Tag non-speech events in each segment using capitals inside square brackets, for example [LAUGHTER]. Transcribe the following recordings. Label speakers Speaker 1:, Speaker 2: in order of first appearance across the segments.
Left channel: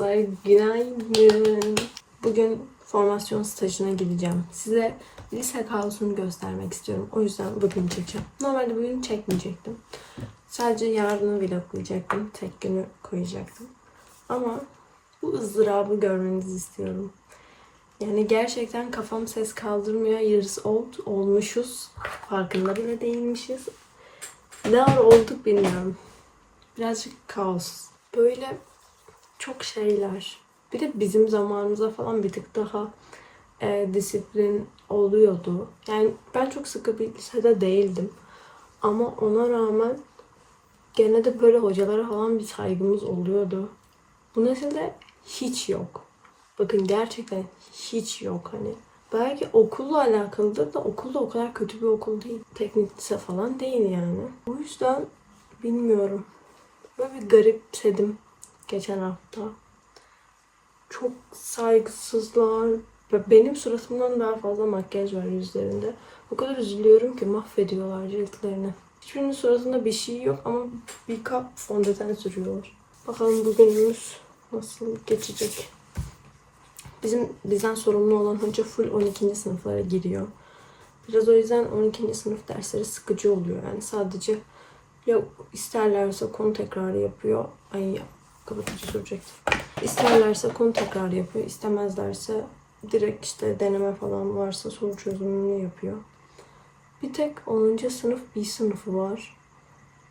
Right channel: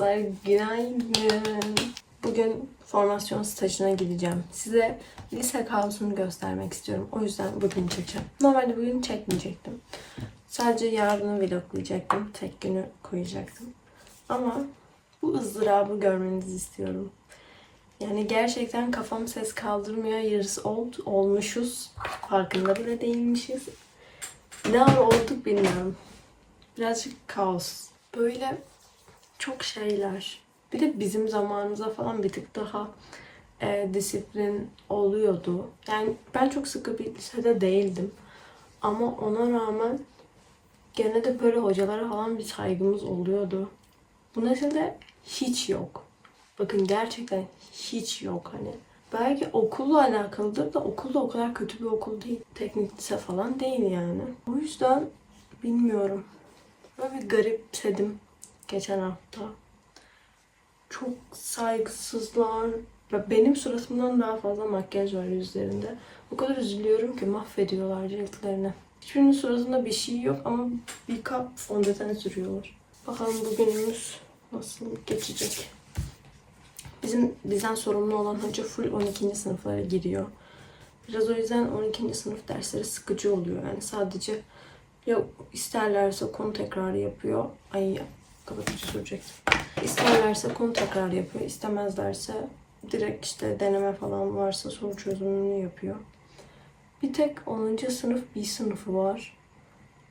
Speaker 1: dostlar, günaydın. Bugün formasyon stajına gideceğim. Size lise kaosunu göstermek istiyorum. O yüzden bugün çekeceğim. Normalde bugün çekmeyecektim. Sadece yarını vloglayacaktım. Tek günü koyacaktım. Ama bu ızdırabı görmenizi istiyorum. Yani gerçekten kafam ses kaldırmıyor. Yarıs old olmuşuz. Farkında bile değilmişiz. Ne olduk bilmiyorum. Birazcık kaos. Böyle çok şeyler. Bir de bizim zamanımızda falan bir tık daha e, disiplin oluyordu. Yani ben çok sıkı bir lisede değildim. Ama ona rağmen gene de böyle hocalara falan bir saygımız oluyordu. Bu nesilde hiç yok. Bakın gerçekten hiç yok hani. Belki okulla alakalıdır da okul o kadar kötü bir okul değil. Teknik lise falan değil yani. O yüzden bilmiyorum. Böyle bir garipsedim geçen hafta. Çok saygısızlar. Ve benim suratımdan daha fazla makyaj var yüzlerinde. O kadar üzülüyorum ki mahvediyorlar ciltlerini. Hiçbirinin suratında bir şey yok ama bir kap fondöten sürüyorlar. Bakalım bugünümüz nasıl geçecek. Bizim bizden sorumlu olan hoca full 12. sınıflara giriyor. Biraz o yüzden 12. sınıf dersleri sıkıcı oluyor. Yani sadece ya isterlerse konu tekrarı yapıyor. Ay kapatıcı sürecektim. İsterlerse konu tekrarı yapıyor. İstemezlerse direkt işte deneme falan varsa soru çözümünü yapıyor. Bir tek 10. sınıf bir sınıfı var.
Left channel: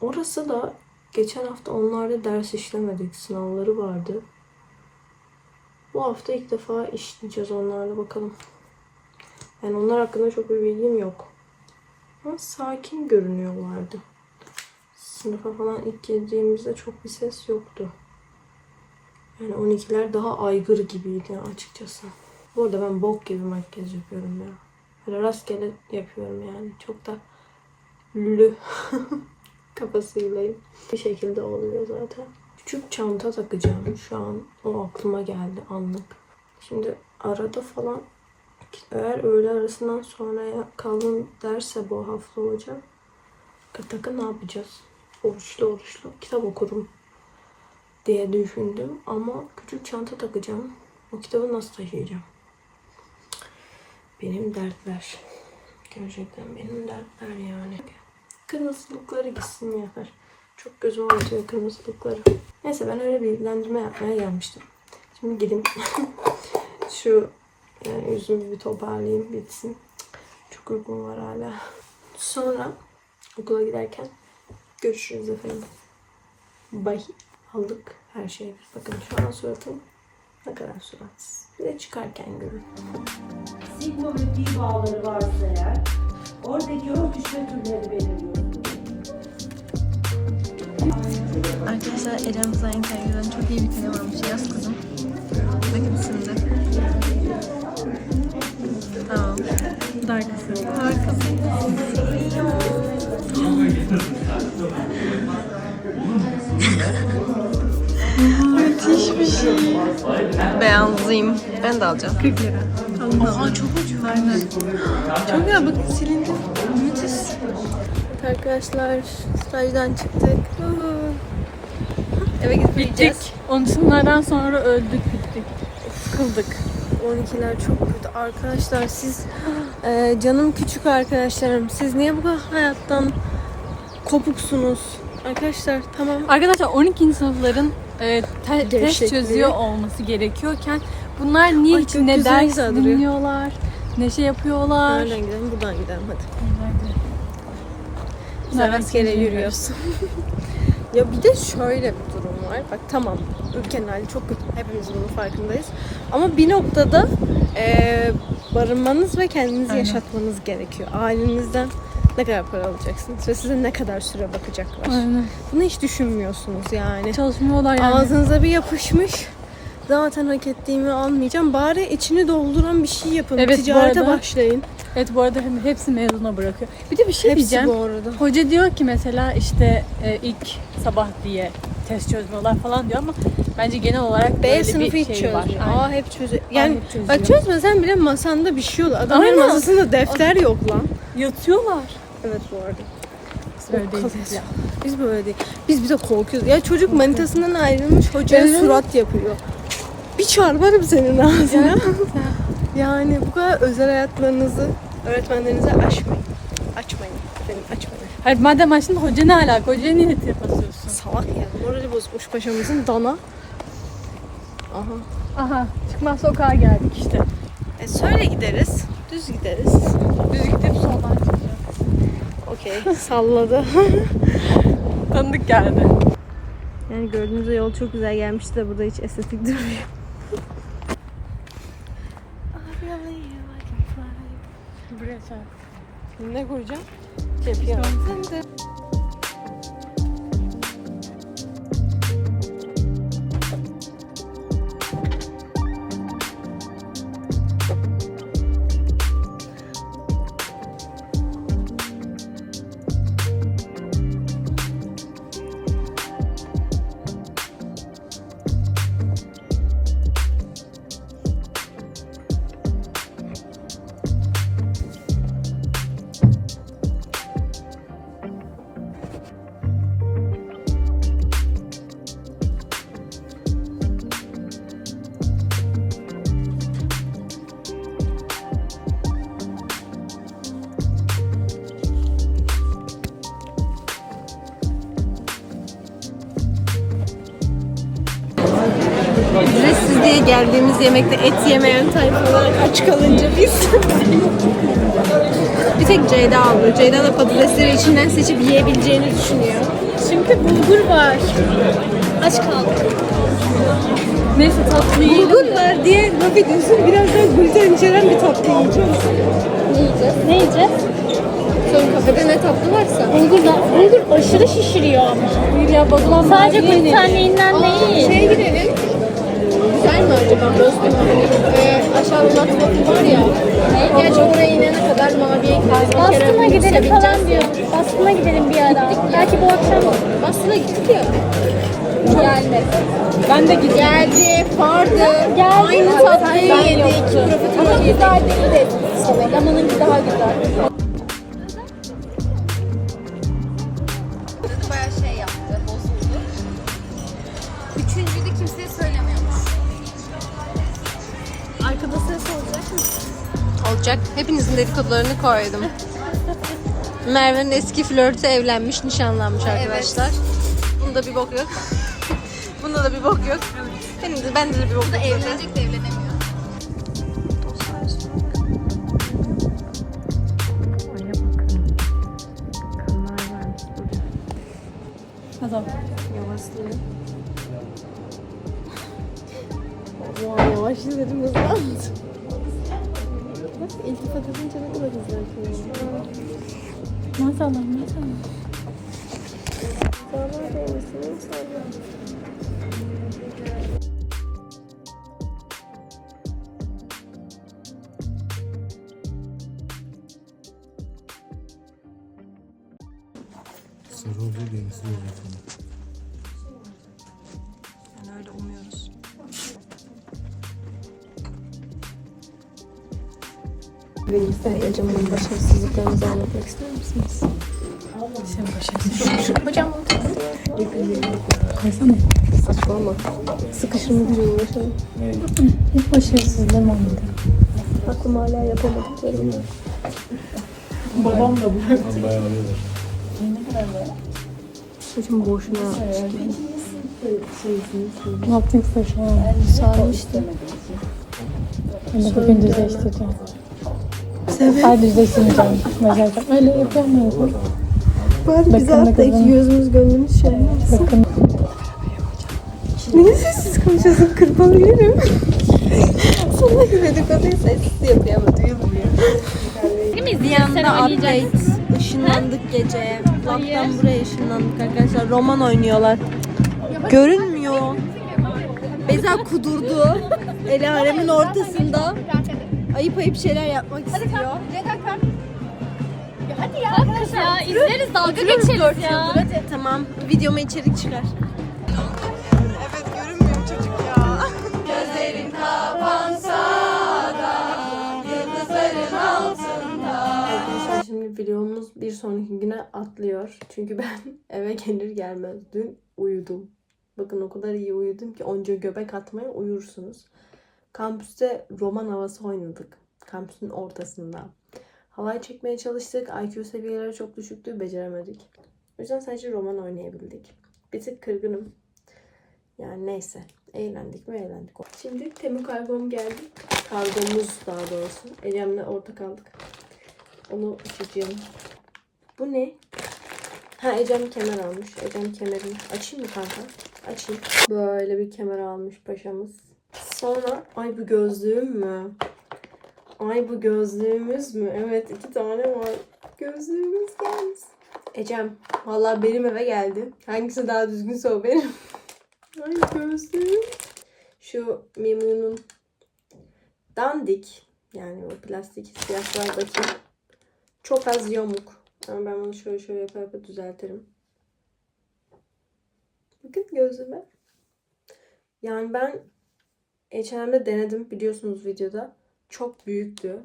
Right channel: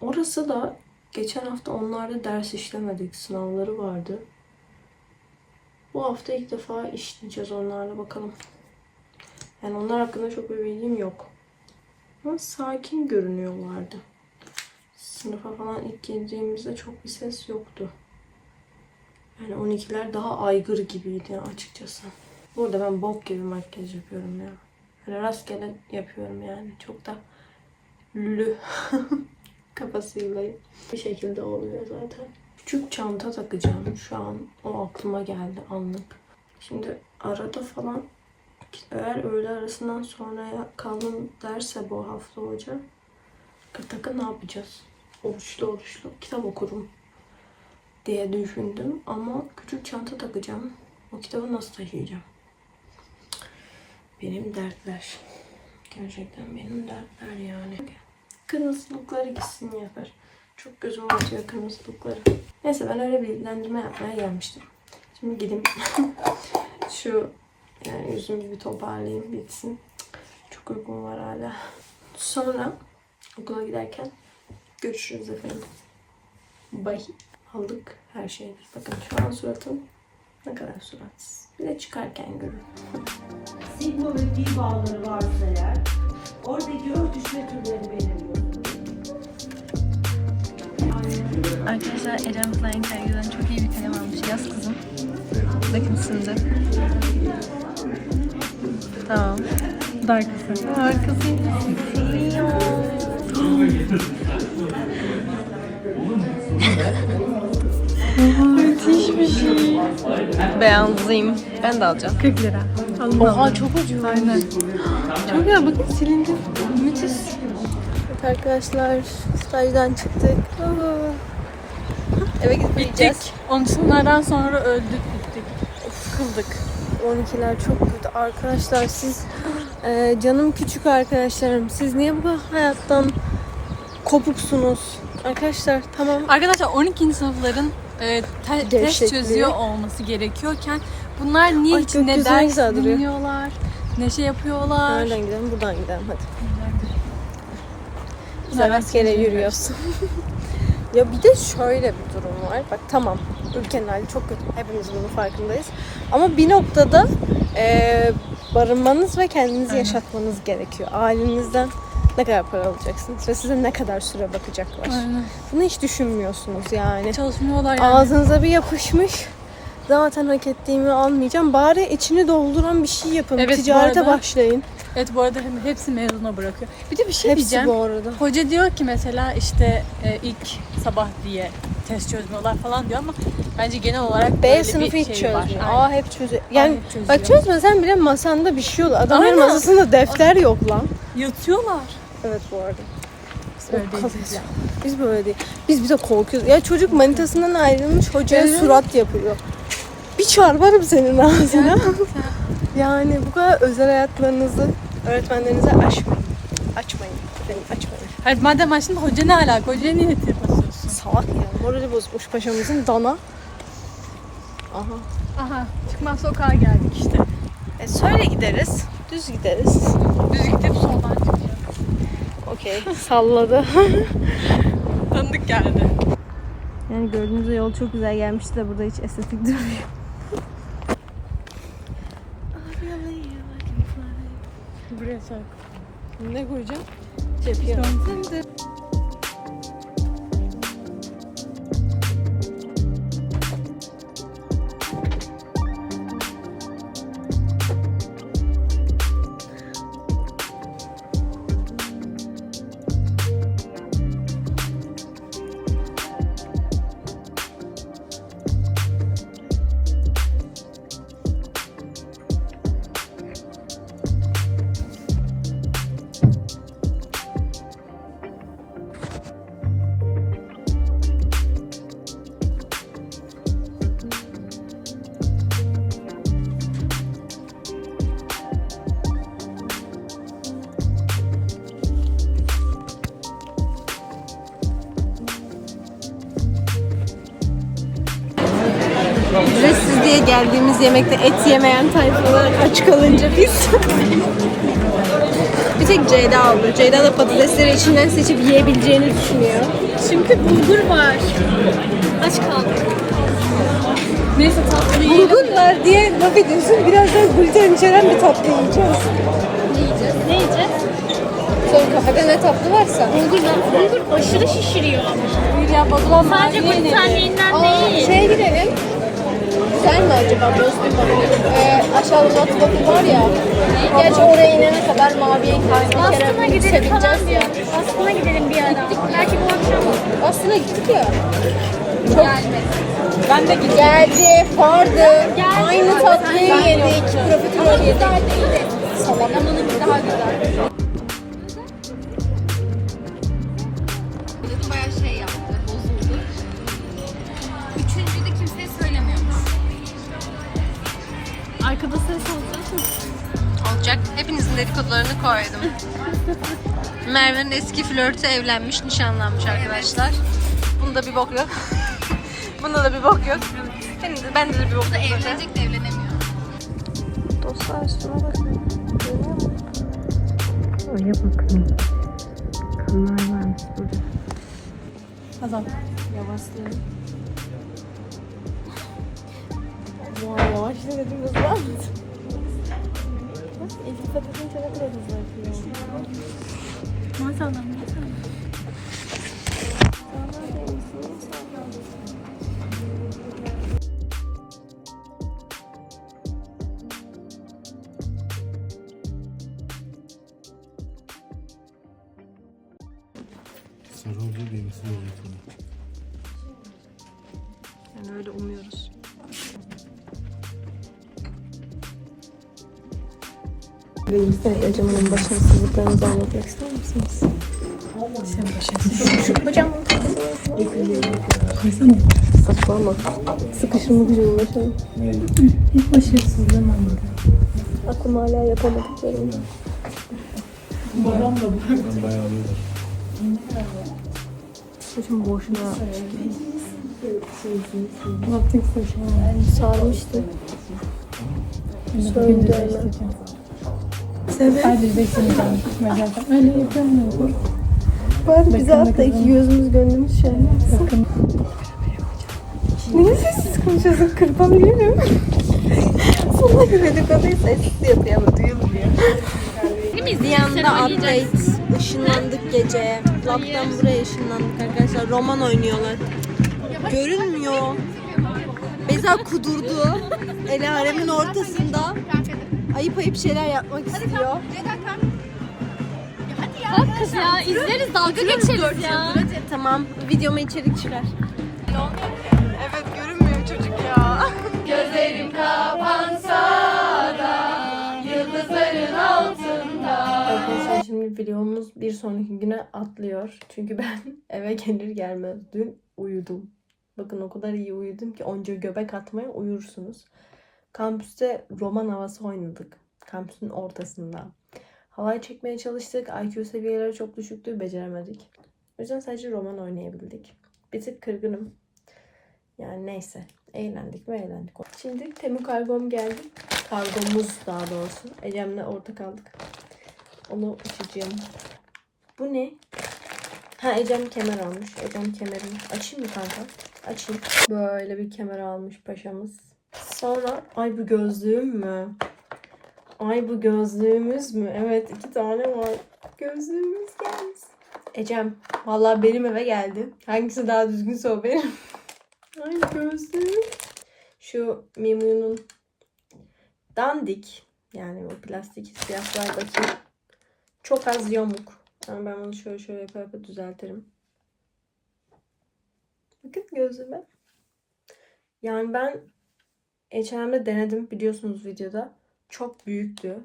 Speaker 1: Orası da geçen hafta onlarda ders işlemedik. Sınavları vardı. Bu hafta ilk defa işleyeceğiz onlarla bakalım. Yani onlar hakkında çok bir bilgim yok. Ama sakin görünüyorlardı. Sınıfa falan ilk girdiğimizde çok bir ses yoktu. Yani 12'ler daha aygır gibiydi açıkçası. Bu arada ben bok gibi makyaj yapıyorum ya. Böyle rastgele yapıyorum yani. Çok da lülü [LAUGHS] kafasıylayım. Bir şekilde oluyor zaten. Küçük çanta takacağım. Şu an o aklıma geldi anlık. Şimdi arada falan eğer öğle arasından sonraya kalın derse bu hafta hoca takı ne yapacağız? Oruçlu oruçlu kitap okurum diye düşündüm ama küçük çanta takacağım. O kitabı nasıl taşıyacağım? Benim dertler. Gerçekten benim dertler yani. Kırmızılıkları gitsin yeter. Çok gözüm acıyor kırmızılıkları. Neyse ben öyle bir bilgilendirme yapmaya gelmiştim. Şimdi gideyim. [LAUGHS] Şu yani yüzümü bir toparlayayım bitsin. Çok uykum var hala. Sonra okula giderken görüşürüz efendim. Bye. Aldık her şeyi. Bakın şu an suratım ne kadar suratsız. Bir de çıkarken görün.
Speaker 2: Simbolojik bağları varsa eğer oradaki örtüşme türleri belirliyor.
Speaker 1: Arkadaşlar Ecem Flying Tiger'dan çok iyi bir kalem almış. Yaz kızım. Bakın şimdi. Tamam. Darkasın. [GASPS] Harikasın. [LAUGHS] Beyazlıyım. Ben de alacağım. 40 lira. Oha çok ucuz. Çok güzel bakın silindi. Müthiş. Arkadaşlar stajdan çıktık. Eve gidip uyuyacağız.
Speaker 3: Onsunlardan sonra öldük bittik.
Speaker 1: Fıldık. 12'ler çok kötü. Arkadaşlar siz e, canım küçük arkadaşlarım. Siz niye bu kadar hayattan kopuksunuz? Arkadaşlar tamam.
Speaker 3: Arkadaşlar 12. sınıfların e, te- test
Speaker 1: Gevşekliği.
Speaker 3: çözüyor olması gerekiyorken bunlar niye
Speaker 1: Ay, gökyüzü ne
Speaker 3: ders
Speaker 1: güzel duruyor.
Speaker 3: dinliyorlar, ne şey yapıyorlar.
Speaker 1: Nereden gidelim? Buradan gidelim hadi.
Speaker 3: Nereden
Speaker 1: rastgele yürüyorsun. [LAUGHS] ya bir de şöyle bir durum var. Bak tamam ülkenin hali çok kötü. Hepimiz bunun farkındayız. Ama bir noktada e, barınmanız ve kendinizi yaşatmanız gerekiyor. Ailenizden ne kadar para alacaksınız ve size ne kadar süre bakacaklar.
Speaker 3: Aynen.
Speaker 1: Bunu hiç düşünmüyorsunuz yani.
Speaker 3: Çalışmıyorlar yani.
Speaker 1: Ağzınıza bir yapışmış. Zaten hak ettiğimi almayacağım. Bari içini dolduran bir şey yapın.
Speaker 3: Evet,
Speaker 1: Ticarete
Speaker 3: arada-
Speaker 1: başlayın.
Speaker 3: Evet bu arada hepsi mezuna bırakıyor. Bir de bir şey
Speaker 1: Hepsi
Speaker 3: diyeceğim.
Speaker 1: bu arada.
Speaker 3: Hoca diyor ki mesela işte e, ilk sabah diye test çözmüyorlar falan diyor ama bence genel olarak
Speaker 1: B sınıfı
Speaker 3: bir
Speaker 1: hiç
Speaker 3: şey var.
Speaker 1: çözmüyor.
Speaker 3: Aynen.
Speaker 1: A hep çözüyor. Yani
Speaker 3: hep çözüyor.
Speaker 1: bak çözmesen bile masanda bir şey olur. Adamların
Speaker 3: Aynen.
Speaker 1: masasında defter yok lan.
Speaker 3: Yatıyorlar.
Speaker 1: Evet bu arada.
Speaker 3: Öyle
Speaker 1: O
Speaker 3: değil
Speaker 1: kalıyoruz.
Speaker 3: ya.
Speaker 1: Biz böyle değil. Biz bir de korkuyoruz. Ya çocuk manitasından ayrılmış hocaya
Speaker 3: Evet.
Speaker 1: surat yapıyor. Bir çarparım senin ağzına. yani bu kadar özel hayatlarınızı öğretmenlerinize aşmayın. Açmayın. Efendim açmayın.
Speaker 3: Hadi madem açtın hoca ne alaka? Hocaya niye basıyorsun?
Speaker 1: Salak ya. Morali bozmuş paşamızın dana. Aha.
Speaker 3: Aha çıkmaz sokağa geldik işte.
Speaker 1: E söyle gideriz. Düz gideriz.
Speaker 3: Düz gidip soldan çıkacağız.
Speaker 1: Okey. [LAUGHS] Salladı. [LAUGHS]
Speaker 3: Tanıdık geldi.
Speaker 1: Yani gördüğünüz yol çok güzel gelmişti de burada hiç estetik durmuyor.
Speaker 3: Buraya çarp.
Speaker 1: ne koyacağım? Cepiyon. Geldiğimiz yemekte et yemeyen tayfalar aç kalınca biz. bir tek Ceyda aldı. Ceyda da patatesleri içinden seçip yiyebileceğini düşünüyor.
Speaker 3: Çünkü bulgur var. Aç kaldık. Neyse tatlı.
Speaker 1: Bulgur var diye laf ediyorsun. Birazdan gluten içeren bir tatlı yiyeceğiz.
Speaker 4: Ne yiyeceğiz? Ne yiyeceğiz? Son kafede ne tatlı varsa. Bulgur, bulgur aşırı şişiriyor.
Speaker 3: Ya bozulan
Speaker 4: Sadece glutenliğinden değil.
Speaker 1: Şeye gidelim. Güzel mi acaba? Bozkır mı? Ee, aşağıda Nat Waffle var ya. Gerçi oraya inene kadar maviye bir kere
Speaker 4: Aslına gidelim falan
Speaker 1: ya.
Speaker 4: diyor. Aslına gidelim bir ara. Belki bu akşam
Speaker 1: Aslında gittik ya.
Speaker 4: gelmez.
Speaker 3: Ben de gidiyorum.
Speaker 1: Geldi, vardı. Aynı tatlıyı yedik. Profiterol yedik.
Speaker 4: Salamanınki daha güzel.
Speaker 3: Olacak.
Speaker 1: Hepinizin dedikodularını koydum. Merve'nin eski flörtü evlenmiş, nişanlanmış arkadaşlar. Bunda bir bok yok. [LAUGHS] Bunda da bir bok yok. Benim de, bende de bir bok yok.
Speaker 4: Evlenecek de evlenemiyor.
Speaker 1: Dostlar bakın. Oraya bakın. Kanlar varmış burada.
Speaker 3: Adam.
Speaker 1: Yavaşlayın. Wow, yavaşla dedim hızlandı. İltifat edince ne kadar hızlı yapıyor.
Speaker 3: Maşallah maşallah.
Speaker 1: Sağlar değmişsiniz, sağlar. Anlatmak ister misiniz? Hocam.
Speaker 3: Koysana.
Speaker 1: Saçmalama. Sıkışımı gücü ulaşalım.
Speaker 3: Hiç başarısızlığım olmadı.
Speaker 1: Aklım hala yapamadıklarım.
Speaker 3: Babam da bu.
Speaker 5: Dayanamıyorlar.
Speaker 1: Saçım boşuna
Speaker 3: Ne yaptın saçma?
Speaker 1: sarmıştı.
Speaker 3: Ben de bugün düzleştireceğim. Ay düzleştireceğim. Mesela öyle yapamıyorum.
Speaker 1: Bari bize
Speaker 3: bakın.
Speaker 1: iki gözümüz gönlümüz şey olmasın.
Speaker 3: Bakın.
Speaker 1: Niye sessiz konuşuyorsun? Kırpabilirim. Sonuna kadar dedikoduyu sessiz yapıyor ama duyulmuyor. Bir anda update. Işınlandık gece. Lab'dan buraya ışınlandık arkadaşlar. Roman oynuyorlar. Görünmüyor. Beza kudurdu. El alemin ortasında. Ayıp ayıp şeyler yapmak istiyor.
Speaker 4: Kalk kız ya, izleriz dalga geçeriz ya.
Speaker 1: Tamam, videoma içerik çıkar. Evet, görünmüyor çocuk ya. Gözlerim kapansa da yıldızların altında. Arkadaşlar şimdi vlogumuz bir sonraki güne atlıyor. Çünkü ben [LAUGHS] eve gelir gelmez dün uyudum. Bakın o kadar iyi uyudum ki onca göbek atmaya uyursunuz. Kampüste roman havası oynadık. Kampüsün ortasında. Havayı çekmeye çalıştık. IQ seviyeleri çok düşüktü. Beceremedik. O yüzden sadece roman oynayabildik. Bir tık kırgınım. Yani neyse. Eğlendik mi eğlendik. Şimdi Temu kargom geldi. Kargomuz daha doğrusu. Ecem'le ortak kaldık. Onu açacağım. Bu ne? Ha Ecem kemer almış. Ecem kemerini açayım mı kanka? Açayım. Böyle bir kemer almış paşamız. Sonra ay bu gözlüğüm mü? Ay bu gözlüğümüz mü? Evet iki tane var. Gözlüğümüz gelmiş. Ecem vallahi benim eve geldi. Hangisi daha düzgünse o benim. [LAUGHS] Ay gözlüğüm. Şu Mimu'nun dandik yani o plastik siyahlar bakayım. Çok az yamuk. Ama ben bunu şöyle şöyle yapar yapar düzeltirim. Bakın gözüme. Yani ben H&M'de denedim biliyorsunuz videoda. Çok büyüktü.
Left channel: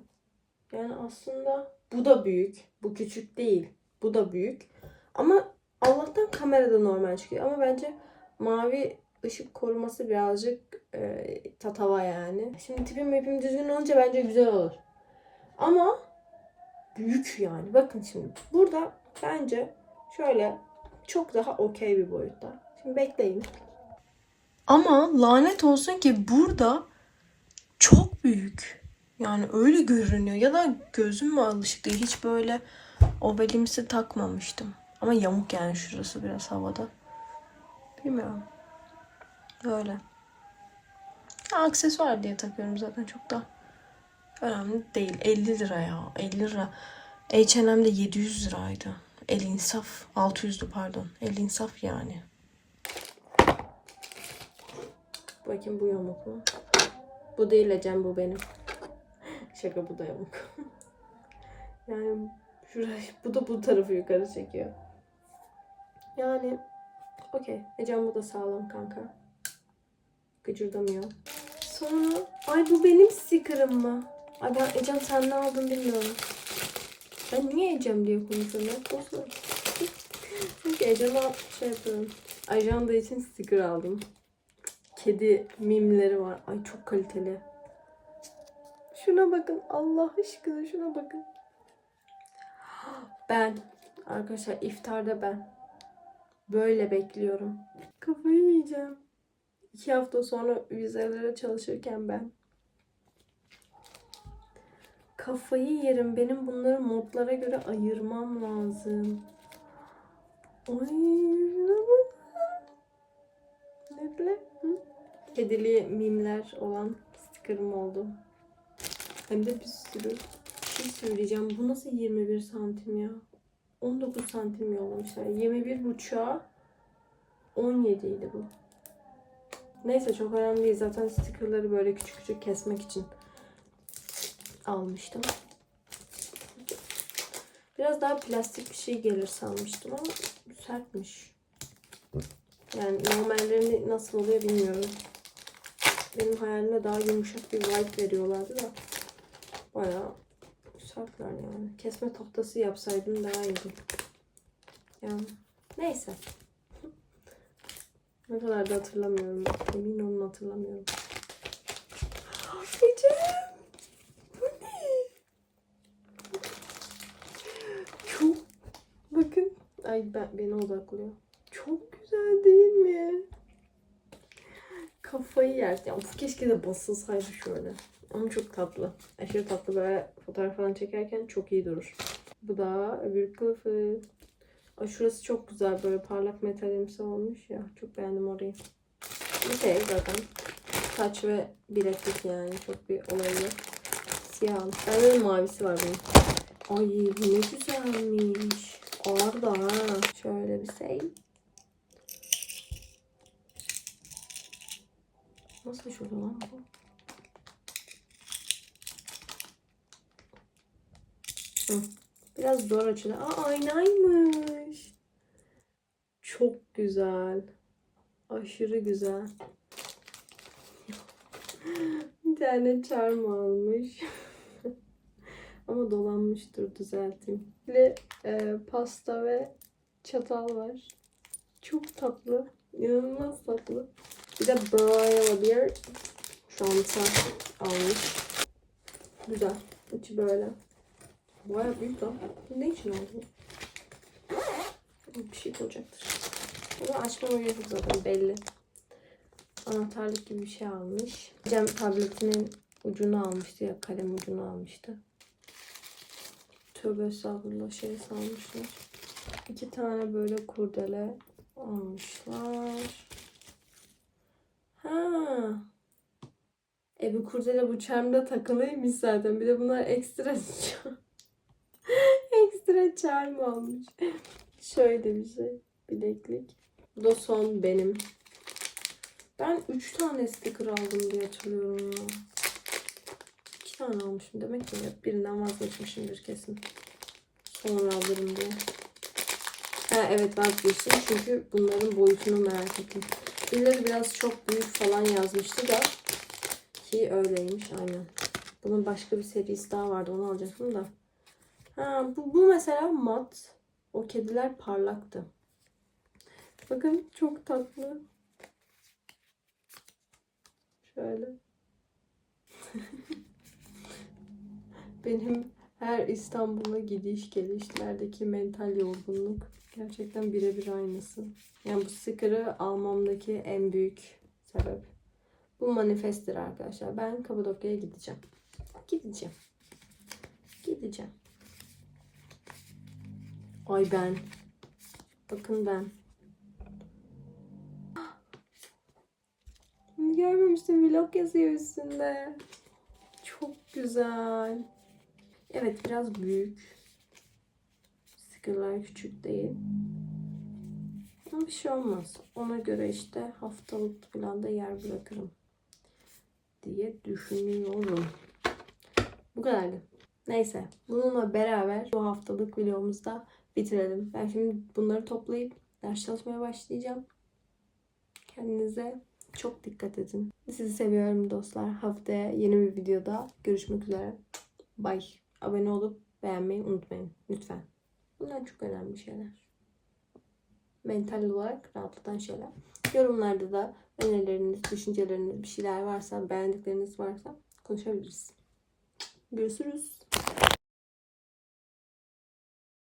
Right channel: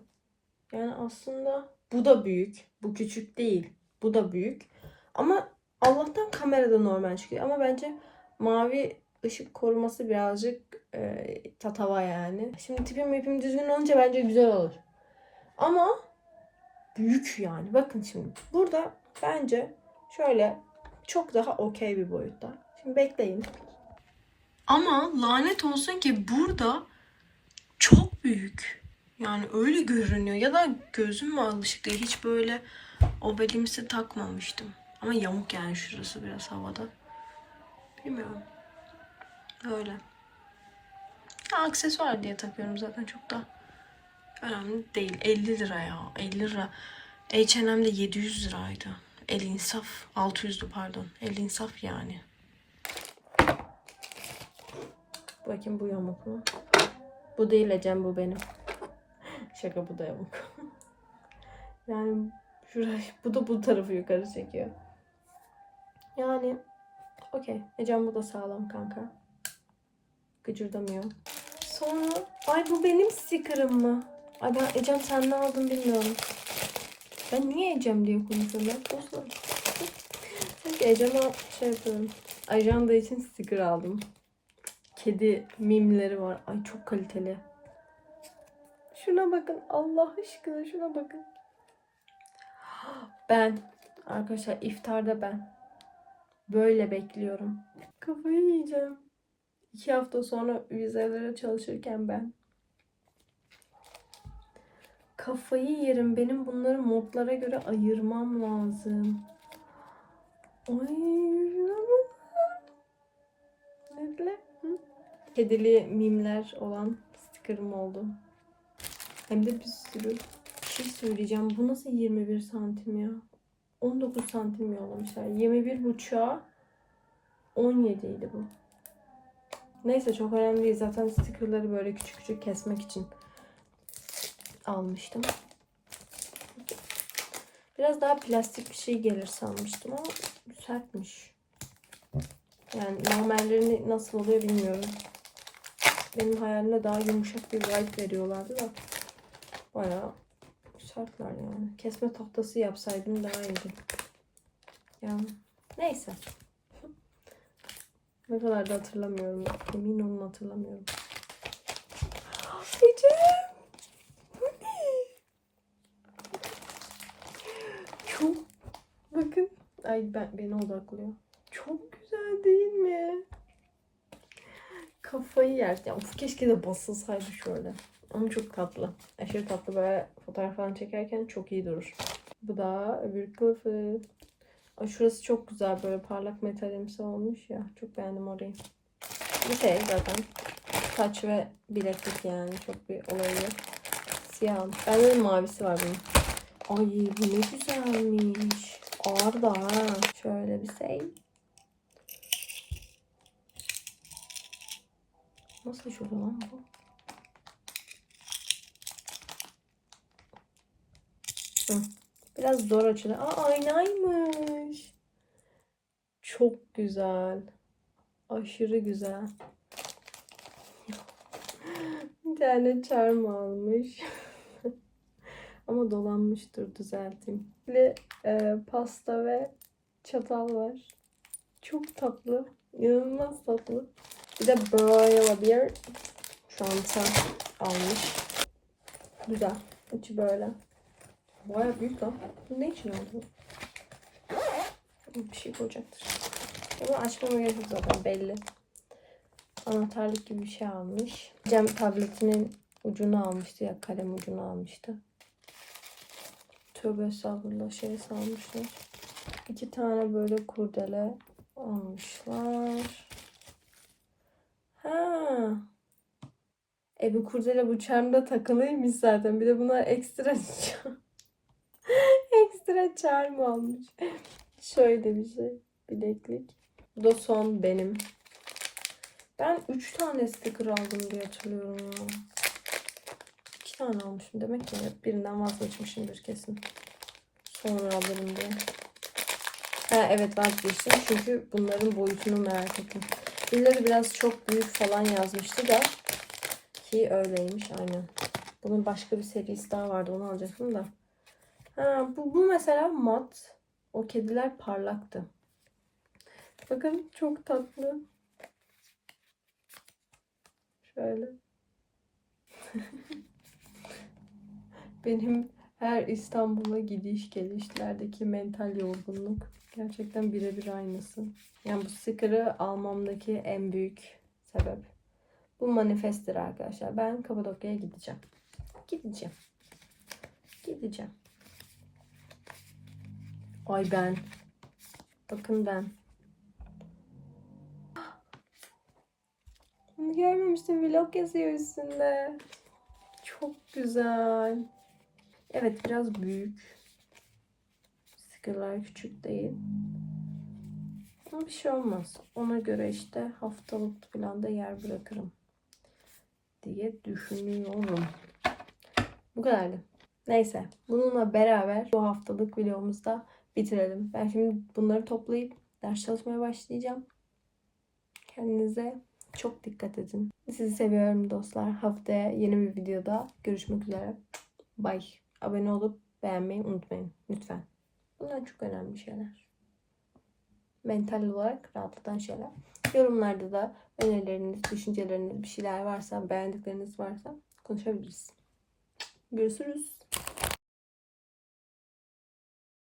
Speaker 1: Yani aslında bu da büyük. Bu küçük değil. Bu da büyük. Ama Allah'tan kamerada normal çıkıyor. Ama bence mavi ışık koruması birazcık e, tatava yani. Şimdi tipim mipim düzgün olunca bence güzel olur. Ama büyük yani. Bakın şimdi. Burada bence şöyle çok daha okey bir boyutta. Şimdi bekleyin. Ama lanet olsun ki burada çok büyük. Yani öyle görünüyor. Ya da gözüm mü alışık değil. Hiç böyle obelimsi takmamıştım. Ama yamuk yani şurası biraz havada. Bilmiyorum. Öyle. Aksesuar diye takıyorum zaten çok da önemli değil. 50 lira ya. 50 lira. H&M'de 700 liraydı. El insaf. 600'dü pardon. El insaf yani. Bakayım bu yamuk mu? Bu değil Ecem bu benim. [LAUGHS] Şaka bu da yamuk. [LAUGHS] yani şurayı bu da bu tarafı yukarı çekiyor. Yani okey. Ecem bu da sağlam kanka. Gıcırdamıyor. Sonra ay bu benim sticker'ım mı? Ay ben Ecem sen ne aldın bilmiyorum. Ben niye Ecem diye konuşuyorum ben? Boşver. Çünkü [LAUGHS] Ecem'e şey yapıyorum. Ajanda için sticker aldım. Kedi mimleri var. Ay çok kaliteli. Şuna bakın. Allah aşkına şuna bakın. Ben. Arkadaşlar iftarda ben. Böyle bekliyorum. Kafayı yiyeceğim. İki hafta sonra vizelere çalışırken ben. Kafayı yerim. Benim bunları modlara göre ayırmam lazım. Ay bakın. Netle? Kedili mimler olan sticker'ım oldu. Hem de bir sürü. Bir şey söyleyeceğim. Bu nasıl 21 santim ya? 19 santim yollamışlar. 21 buçuğa 17 idi bu. Neyse çok önemli değil. Zaten stickerları böyle küçük küçük kesmek için almıştım. Biraz daha plastik bir şey gelir sanmıştım ama sertmiş. Yani normallerini nasıl oluyor bilmiyorum. Benim hayalimde daha yumuşak bir vibe veriyorlardı da bayağı sertler yani. Kesme tahtası yapsaydım daha iyiydi. Yani neyse. Ne kadar da hatırlamıyorum. Emin olun hatırlamıyorum. Ecem! Bu ne? Çok... Bakın. Ay ben, beni odaklıyor. Çok güzel değil mi? Kafayı yer. Ya of, keşke de basılsaydı şöyle. Ama çok tatlı. Aşırı tatlı böyle fotoğraf falan çekerken çok iyi durur. Bu da öbür kılıfı. Ay şurası çok güzel böyle parlak metalimsi olmuş ya. Çok beğendim orayı. Bir şey zaten. Saç ve bileklik yani. Çok bir olayı yok. Siyah almış. Bende de mavisi var bunun. Ay bu ne güzelmiş. Ağır da. Şöyle bir şey. Nasıl şurada lan bu? Hı. Biraz zor açılıyor. Aa aynaymış. Çok güzel. Aşırı güzel. [LAUGHS] Bir tane charm almış. [LAUGHS] Ama dolanmıştır düzelteyim. Ve e, pasta ve çatal var. Çok tatlı. İnanılmaz tatlı. Bir de böyle bir çanta almış. Güzel. İçi böyle. Baya büyük lan. Ne için oldu? Bir şey koyacaktır. Bunu açmama gerek yok zaten belli. Anahtarlık gibi bir şey almış. Cem tabletinin ucunu almıştı ya kalem ucunu almıştı. Tövbe estağfurullah şey salmışlar. İki tane böyle kurdele almışlar. Ha. E bu kurdele bu çarmda takılıymış zaten. Bir de buna ekstra [LAUGHS] ekstra çarm almış. Şöyle bir şey. Bileklik. Bu da son benim. Ben 3 tane sticker aldım diye hatırlıyorum ya. 2 tane almışım demek ki birinden vazgeçmişimdir kesin. Sonra alırım diye. Ha evet vazgeçtim çünkü bunların boyutunu merak ettim. Birileri biraz çok büyük falan yazmıştı da ki öyleymiş aynen. Bunun başka bir serisi daha vardı onu alacaktım da. Ha bu, bu mesela mat. O kediler parlaktı. Bakın çok tatlı. Şöyle. [LAUGHS] Benim her İstanbul'a gidiş gelişlerdeki mental yorgunluk gerçekten birebir aynısı. Yani bu sticker'ı almamdaki en büyük sebep. Bu manifesttir arkadaşlar. Ben Kapadokya'ya gideceğim. Gideceğim. Gideceğim. Ay ben. Bakın ben. Bunu görmemiştim. Vlog yazıyor üstünde. Çok güzel. Evet biraz büyük. Stickerlar küçük değil. Ama bir şey olmaz. Ona göre işte haftalık falan da yer bırakırım. Diye düşünüyorum. Bu kadardı. Neyse. Bununla beraber bu haftalık videomuzu da bitirelim. Ben şimdi bunları toplayıp ders çalışmaya başlayacağım. Kendinize çok dikkat edin. Sizi seviyorum dostlar. Haftaya yeni bir videoda görüşmek üzere. Bye. Abone olup beğenmeyi unutmayın. Lütfen. Bunlar çok önemli şeyler. Mental olarak rahatlatan şeyler. Yorumlarda da önerileriniz, düşünceleriniz, bir şeyler varsa, beğendikleriniz varsa konuşabiliriz. Görüşürüz.